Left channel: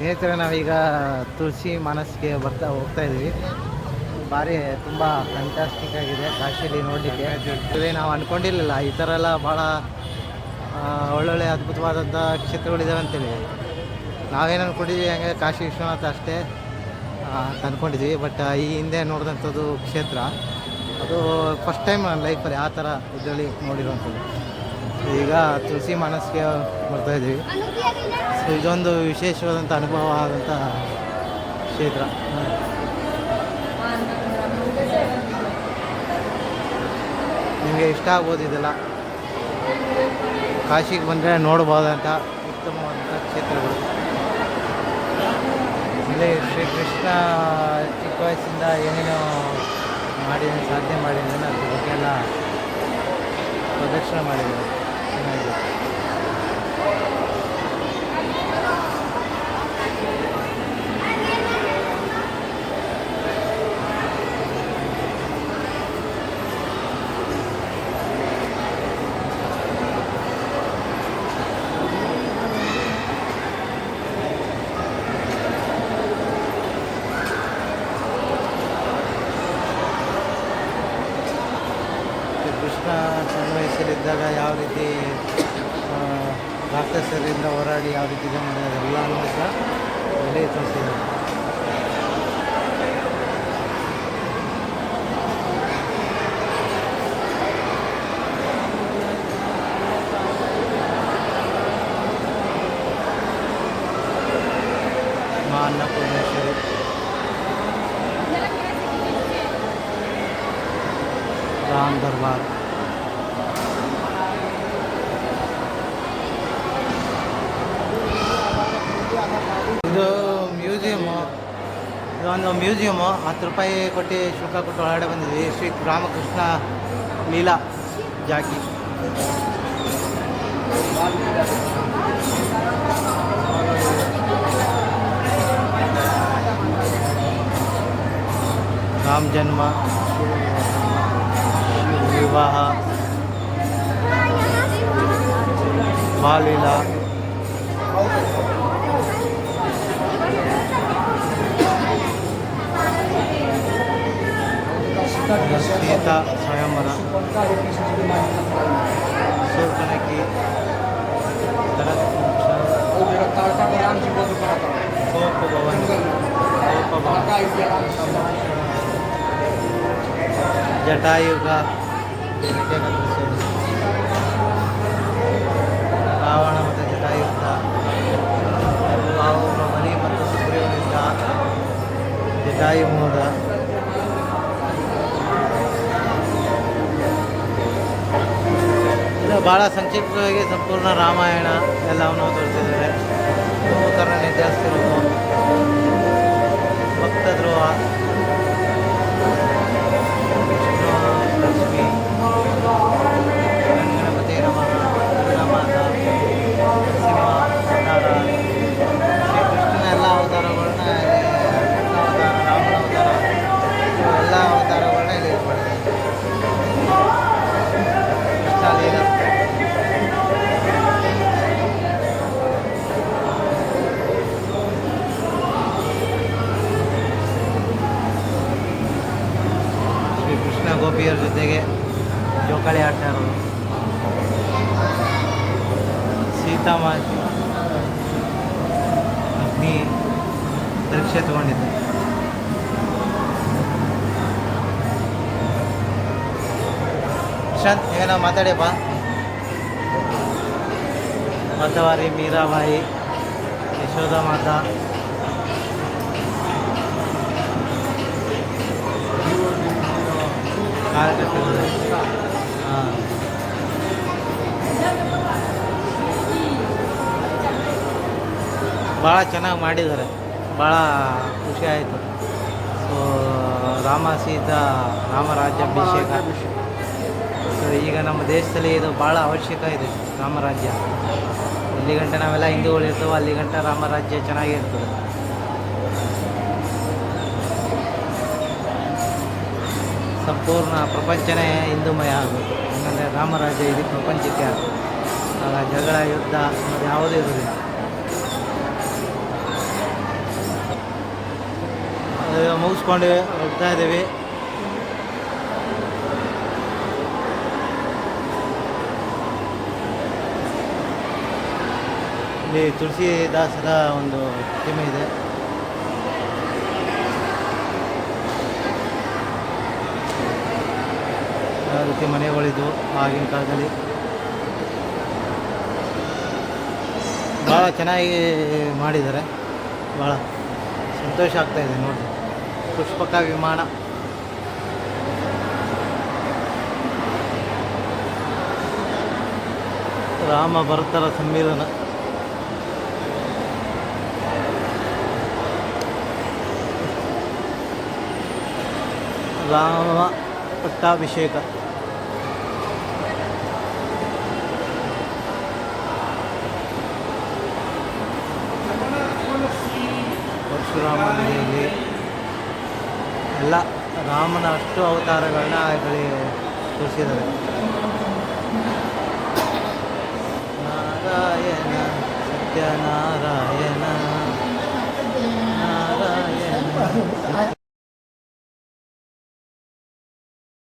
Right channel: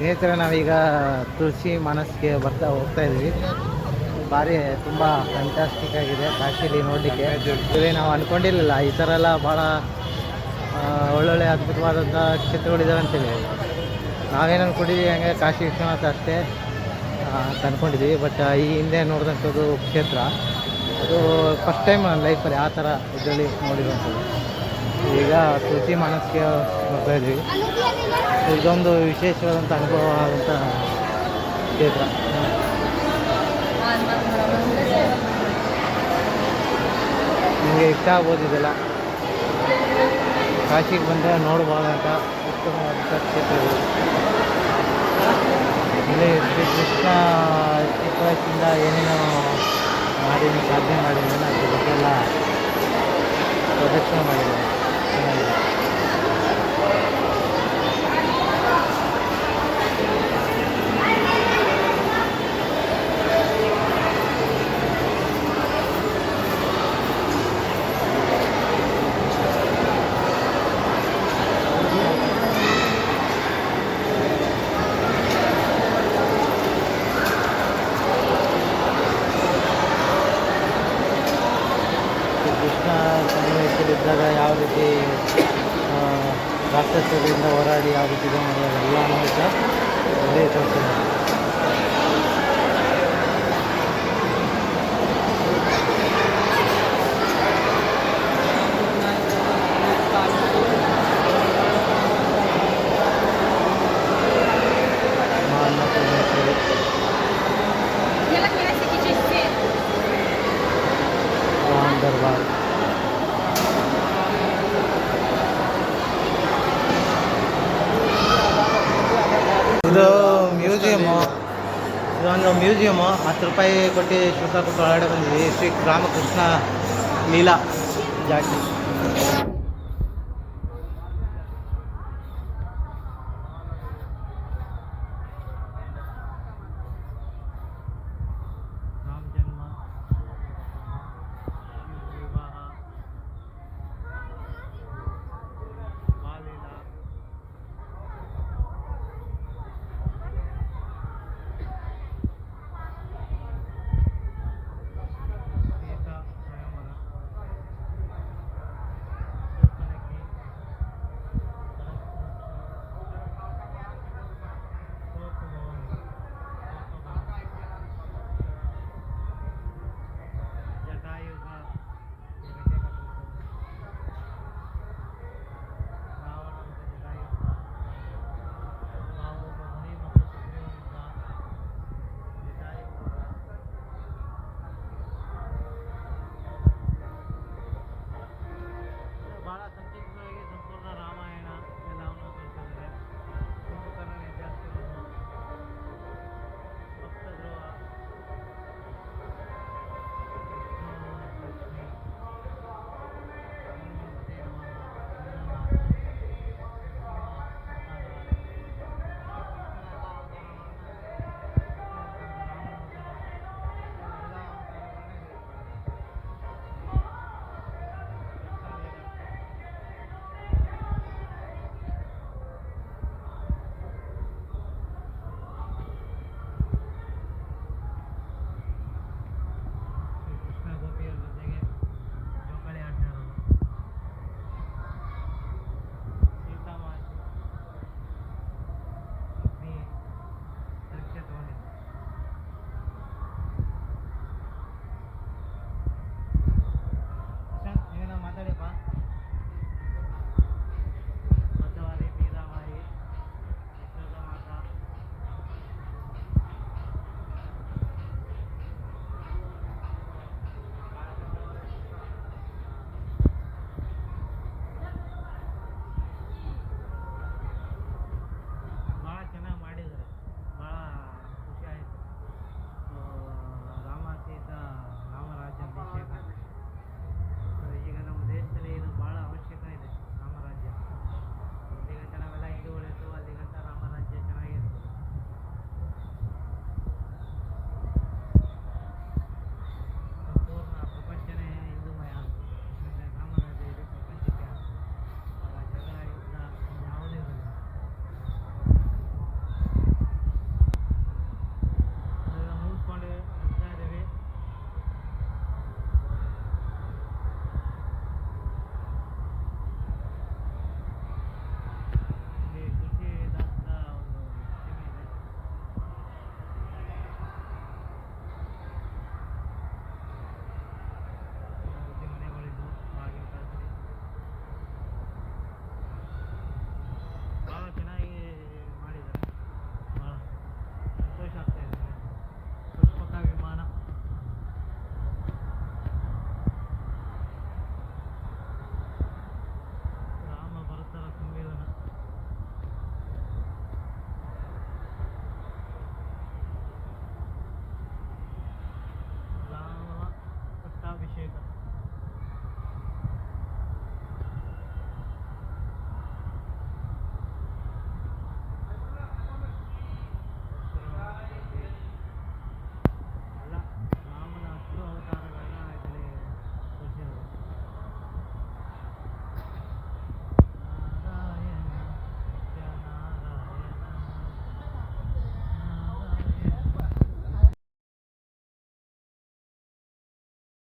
ಸ್ನೇಹಿತರೆ, ನಾವೀಗ ತುಳಸಿ ಮಾನಸ್ಗೆ ಹೋಗ್ತಾ ಇದ್ವಿ. ಭಾರಿ ತುಂಬ ಫ್ಯಾಂಟಾಸ್ಟಿಕ್ ಆಗಿದೆ ಕಾಶಿಲಿ ನೋಡಲಿಕ್ಕೆ. ನಾವು ಅಂದ್ಕೊಂಡಿರಲಿಲ್ಲ ಈ ಥರ ಎಲ್ಲ ಭಾಳ ಒಳ್ಳೊಳ್ಳೆ ಅದ್ಭುತವಾದಂಥ ಕ್ಷೇತ್ರಗಳಿದ್ದಾವೆ ಅಂತೇಳಿ. ನಾವೇನು ಅಂದ್ಕೊಂಡಿದ್ವಿ ಹಂಗೆ ಕಾಶಿ ವಿಶ್ವನಾಥ ಅಷ್ಟೇ ಅಂದ್ಕೊಂಡಿದ್ವಿ. ಬಟ್ ಈ ಹಿಂದೆ ನೋಡಿದಂಥದ್ದು ಕ್ಷೇತ್ರ ಅದು ಫಸ್ಟ್ ಟೈಮ್ ನನ್ನ ಲೈಫಲ್ಲಿ ಆ ಥರ ಇದರಲ್ಲಿ ನೋಡಿರುವಂಥದ್ದು. ಈಗ ತುಳಸಿ ಮಾನಸ್ಗೆ ಬರ್ತಾಯಿದ್ವಿ. ಇದೊಂದು ವಿಶೇಷವಾದಂಥ ಅನುಭವ ಆದಂಥ ಕ್ಷೇತ್ರ. ನಿಮಗೆ ಇಷ್ಟ ಆಗ್ಬೋದು. ಇದೆಲ್ಲ ಕಾಶಿಗೆ ಬಂದರೆ ನೋಡ್ಬೋದಂಥ ಉತ್ತಮವಾದಂಥ ಕ್ಷೇತ್ರಗಳು. ಇಲ್ಲಿ ಶ್ರೀಕೃಷ್ಣ ಚಿಕ್ಕ ವಯಸ್ಸಿಂದ ಏನೇನೋ ಸಾಧನೆ ಮಾಡಿದ್ದೇನೆ ಅದ್ರ ಬಗ್ಗೆ ಎಲ್ಲ ಪ್ರದರ್ಶನ ಮಾಡಿದ್ದಾರೆ. ಚೆನ್ನಾಗಿದೆ. ಕೃಷ್ಣ ಸಣ್ಣ ವಯಸ್ಸಲ್ಲಿದ್ದಾಗ ಯಾವ ರೀತಿ ರಾಕ್ಷಸರಿಂದ ಹೋರಾಡಿ ಯಾವ ರೀತಿ ಇದೆ ಮಾಡಿ ಅದೆಲ್ಲ ಅನ್ವಯಿಸ ಒಳ್ಳೆಯ ತೋರಿಸಿದ್ದಾರೆ. ಅನ್ನಪೂರ್ಣೇಶ್ವರಿ ರಾಮ್ ದರ್ಬಾರ್. ಇದು ಮ್ಯೂಸಿಯಮ್ಮು. ಇದೊಂದು ಮ್ಯೂಸಿಯಮ್ಮು. 10 ರೂಪಾಯಿ ಕೊಟ್ಟು ಶುಲ್ಕ ಕೊಟ್ಟು ಒಳಗಡೆ ಬಂದಿದ್ವಿ. ಶ್ರೀ ರಾಮಕೃಷ್ಣ ಲೀಲಾ ಜಾತಿ. ರಾಮ ಜನ್ಮ, ವಿವಾಹ, ಬಾಲಲೀಲಾ, ಸೀತಾ ಸ್ವಯಂವರ, ಸೂರ್ಕನಕಿ, ಜಟಾಯುಗ, ರಾವಣ ಮತ್ತು ಜಟಾಯುಗ, ಬಲಿ ಮತ್ತು ಸುಗ್ರೀವನಿಂದ ಜಟಾಯುಮೋದ, ಇದು ಭಾಳ ಸಂಕ್ಷಿಪ್ತವಾಗಿ ಸಂಪೂರ್ಣ ರಾಮಾಯಣ ಎಲ್ಲವನ್ನು ತೋರಿಸಿದ್ದಾರೆ. ನೂತನ ಜಾಸ್ತಿರೋದು, ಭಕ್ತ ಧ್ರುವ, ಲಕ್ಷ್ಮಿ, ಗಣಪತಿ ನಮಃ, ದುರ್ಗಾಮಾತ, ನರಸಿಂಹ ಅವತಾರ, ಶ್ರೀಕೃಷ್ಣನ ಎಲ್ಲ ಅವತಾರಗಳನ್ನ ಅವತಾರ, ರಾಮನ ಅವತಾರ, ಎಲ್ಲ ಅವತಾರಗಳನ್ನ ಇಲ್ಲಿ ಇದು ಮಾಡಿದ್ದಾರೆ. ಕೃಷ್ಣಲೀಲಾ, ಶ್ರೀಕೃಷ್ಣ ಗೋಪಿಯರ ಜೊತೆಗೆ ಜೋಕಾಲಿ ಆಡ್ತಾ ಇರೋದು, ಸೀತಾಮಾತೆ ಅಗ್ನಿ ಪರೀಕ್ಷೆ ತಗೊಂಡಿದ್ದೆ. ಪ್ರಶಾಂತ್ ಏನೋ ಮಾತಾಡಿಯಪ್ಪ. ಮತವಾರಿ, ಮೀರಾಬಾಯಿ, ಯಶೋಧ ಮಾತಾ, ಕಾರ್ಯಕರ್ತರು. ಭಾಳ ಚೆನ್ನಾಗಿ ಮಾಡಿದ್ದಾರೆ. ಭಾಳ ಖುಷಿ ಆಯಿತು. ಸೊ ರಾಮ ಸೀತಾ ರಾಮರಾಜ್ಯಾಭಿಷೇಕ. ಸೊ ಈಗ ನಮ್ಮ ದೇಶದಲ್ಲಿ ಇದು ಭಾಳ ಅವಶ್ಯಕ ಇದೆ, ರಾಮರಾಜ್ಯ. ಇಲ್ಲಿ ಗಂಟೆ ನಾವೆಲ್ಲ ಹಿಂದೂಗಳಿರ್ತೇವೆ, ಅಲ್ಲಿ ಗಂಟೆ ರಾಮರಾಜ್ಯ ಚೆನ್ನಾಗಿರ್ತದೆ. ಸಂಪೂರ್ಣ ಪ್ರಪಂಚನೇ ಹಿಂದೂಮಯ ಆಗುತ್ತೆ. ಯಾಕಂದರೆ ರಾಮರಾಜ್ಯ ಇದು ಪ್ರಪಂಚಕ್ಕೆ ಆಗುತ್ತೆ. ಆಗ ಜಗಳ, ಯುದ್ಧ ಅನ್ನೋದು ಯಾವುದೂ ಇರೋದಿಲ್ಲ. ಮುಗಿಸ್ಕೊಂಡು ಹೋಗ್ತಾ ಇದ್ದೀವಿ. ಇಲ್ಲಿ ತುಳಸಿದಾಸರ ಒಂದು ಪ್ರತಿಮೆ ಇದೆ. ಯಾವ ರೀತಿ ಮನೆಗಳಿದ್ವು ಆಗಿನ ಕಾಲದಲ್ಲಿ. ಭಾಳ ಚೆನ್ನಾಗಿ ಮಾಡಿದ್ದಾರೆ. ಭಾಳ ಸಂತೋಷ ಆಗ್ತಾಯಿದೆ ನೋಡಿ. ಪುಷ್ಪಕ ವಿಮಾನ ರಾಮ ಭರತರ ಸಮ್ಮಿಲನ. ರಾಮ ಪಟ್ಟಾಭಿಷೇಕ. ಪರಶುರಾಮನಿಗೆ ಎಲ್ಲ ರಾಮನ ಅಷ್ಟು ಅವತಾರಗಳನ್ನ ತೋರಿಸಿದ್ದಾರೆ.